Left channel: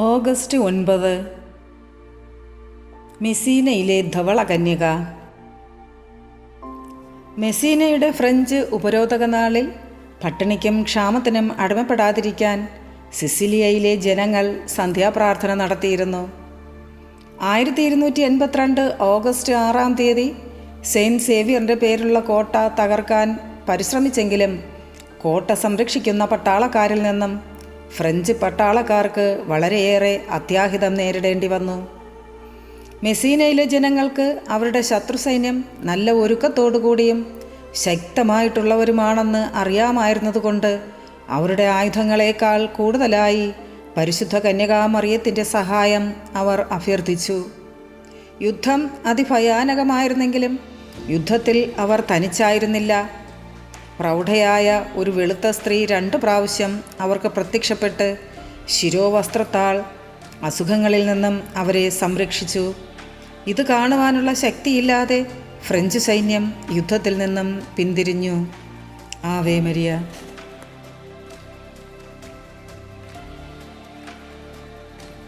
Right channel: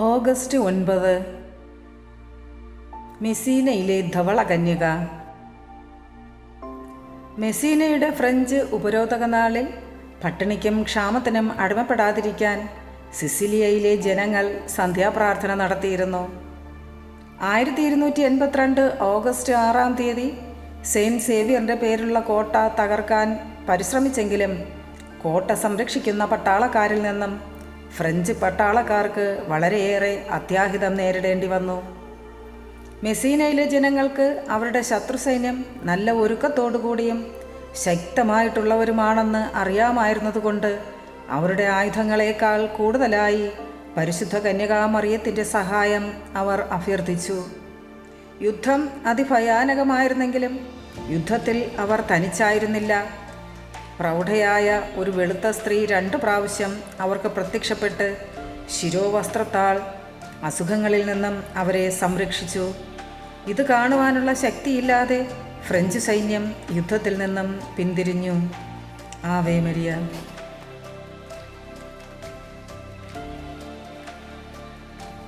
August 9 മെസീനയിലെ ധവളകന്യക. മെസീനയുടെ French ഉപരോധക നാളിൽ പട്ടിണിക്കും ക്ഷാമത്തിനും അടിമപ്പെടാതിരിക്കാൻ സിസിലിയയിലെ ജനങ്ങൾ സന്ധ്യാപ്രാർത്ഥന നടത്തിയിരുന്നു. 1282 ഓഗസ്റ്റ് 6 സെയിൻറ്റ് സേവിയറിൻ്റെ പേരുള്ള കോട്ട തകർക്കാൻ പരിശ്രമിച്ചെങ്കിലും കോട്ട സംരക്ഷിക്കുന്ന പട്ടാളക്കാരിൽ നിന്നും ഫ്രഞ്ച് പട്ടാളക്കാർക്ക് വളരെയേറെ അത്യാഹിതം നേരിടേണ്ടി വന്നു. മെസീനയിലെ ജനങ്ങൾക്ക് അവരുടെ ശത്രുസൈന്യം നല്ല ഒരുക്കത്തോടുകൂടിയും ശക്തമായിട്ടുള്ളവരുമാണെന്ന് അറിയാമായിരുന്നതുകൊണ്ട് അവരുടെ ആയുധങ്ങളേക്കാൾ കൂടുതലായി പരിശുദ്ധ കന്യകാമറിയത്തിൻ്റെ സഹായം അവർ അഭ്യർത്ഥിച്ചു. യുദ്ധം അതിഭയാനകമായിരുന്നെങ്കിലും യുദ്ധത്തിൽ അവർ തനിച്ചായിരുന്നില്ല. പ്രൗഢയായ ഒരു വെളുത്ത സ്ത്രീ 2 പ്രാവശ്യം അവർക്ക് പ്രത്യക്ഷപ്പെട്ട് ശിരോവസ്ത്രത്താൽ അസുഖങ്ങളിൽ നിന്നും അവരെ സംരക്ഷിച്ചു. ഇത് കാണുവാനുള്ള ശക്തിയില്ലാതെ ഫ്രഞ്ച് സൈന്യം യുദ്ധത്തിൽ നിന്നും പിന്തിരിഞ്ഞു. Ave Maria.